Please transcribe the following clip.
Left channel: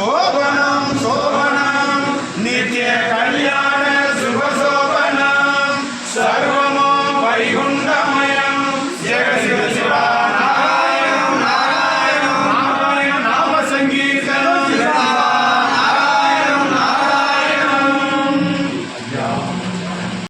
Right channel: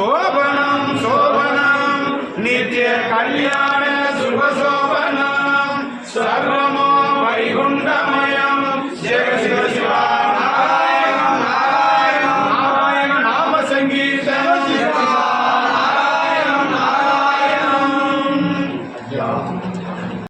Soba!